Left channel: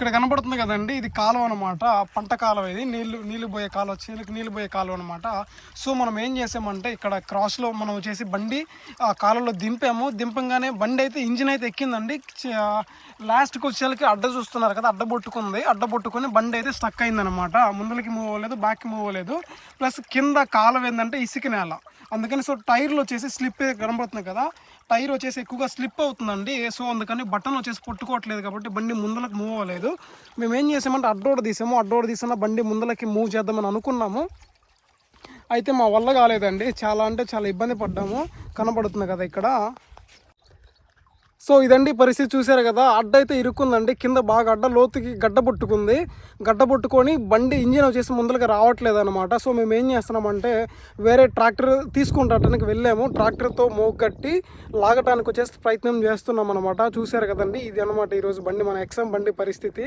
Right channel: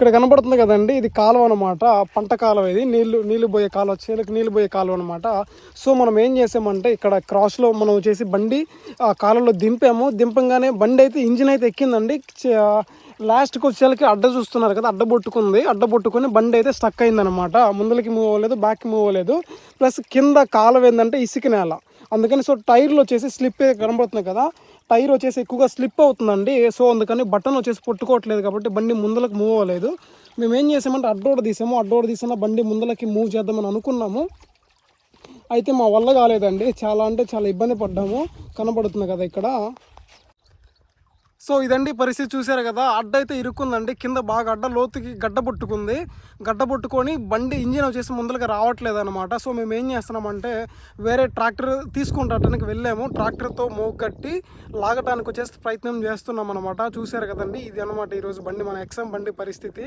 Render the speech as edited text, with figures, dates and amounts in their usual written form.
ఇక్కడ కనబడుతుంది కదండి, ఇది కాలువ అనమాట, పంట కాలువ. ఇది నీళ్లు పోయే కాలువ, చేలకు నీళ్లు పోయే కాలువ అనమాట. సో మనం ఏం చేసామంటే ఇక్కడ క్రాస్లో మనం వచ్చేసి బండి ఆ కాలువలో దింపాము. దింపంగానే బండి అయితే ఇంజిన్ అయితే ఎక్కిందండి. లాస్ట్కి వచ్చేసరికి అడ్డ చూస్తున్నారు కదా, అడ్డబొట్టుకుని బండి అయితే స్టక్ అయిందనమాట. ముందలకి మూవ్ అవ్వలేదు, బ్యాక్కి మూవ్ అవ్వలేదు. ప్లస్ కింద కాలువ ఏంటంటే ఇసుక నేల, అందుకని సో టైర్లు వచ్చేసి స్లిప్ కనబడుతుంది కదా, టైర్ వచ్చేసి ఎక్కువగా స్లిప్ అవుతుందండి. సో అందుకని బటన్ వచ్చేసి కొట్టుకోవట్లేదు కాబట్టి బండి ముందలకు మూవ్ అవ్వలేదు. మేము ఏం చేసామంటే అడ్డోడ తీసిన బండి ముందలకి మూవ్ చేద్దామని అనుకున్నాము. అయితే మా వల్ల కాలేదండి, చాలా అంటే చాలా ఇబ్బంది పడ్డాము. కనబడుతుంది కదా ఇక్కడ. సో ఇదండి పరిస్థితి, చూసారు కదా. అడ్డ అయితే ఇరుక్కుందండి, కింద బాగా అడ్డ లోతుకి గడ్డబొట్టుకొని బండి ఇంజిన్ వచ్చేసి ముందరగా రావట్లేదు అనమాట. సో మేము ఏం చేస్తున్నామంటే వేరే ట్రాక్టర్ తీసుకుంటానికి వెళ్ళాము. ట్రాక్టర్తో మోగట్టి లాగటానికి వచ్చేసి ప్రయత్నం చేస్తున్నాం అనమాట. చూసారు కదండి, ఇది అనమాట ఈరోజు బండి, మన ఎక్సమ్ బండి పరిస్థితి.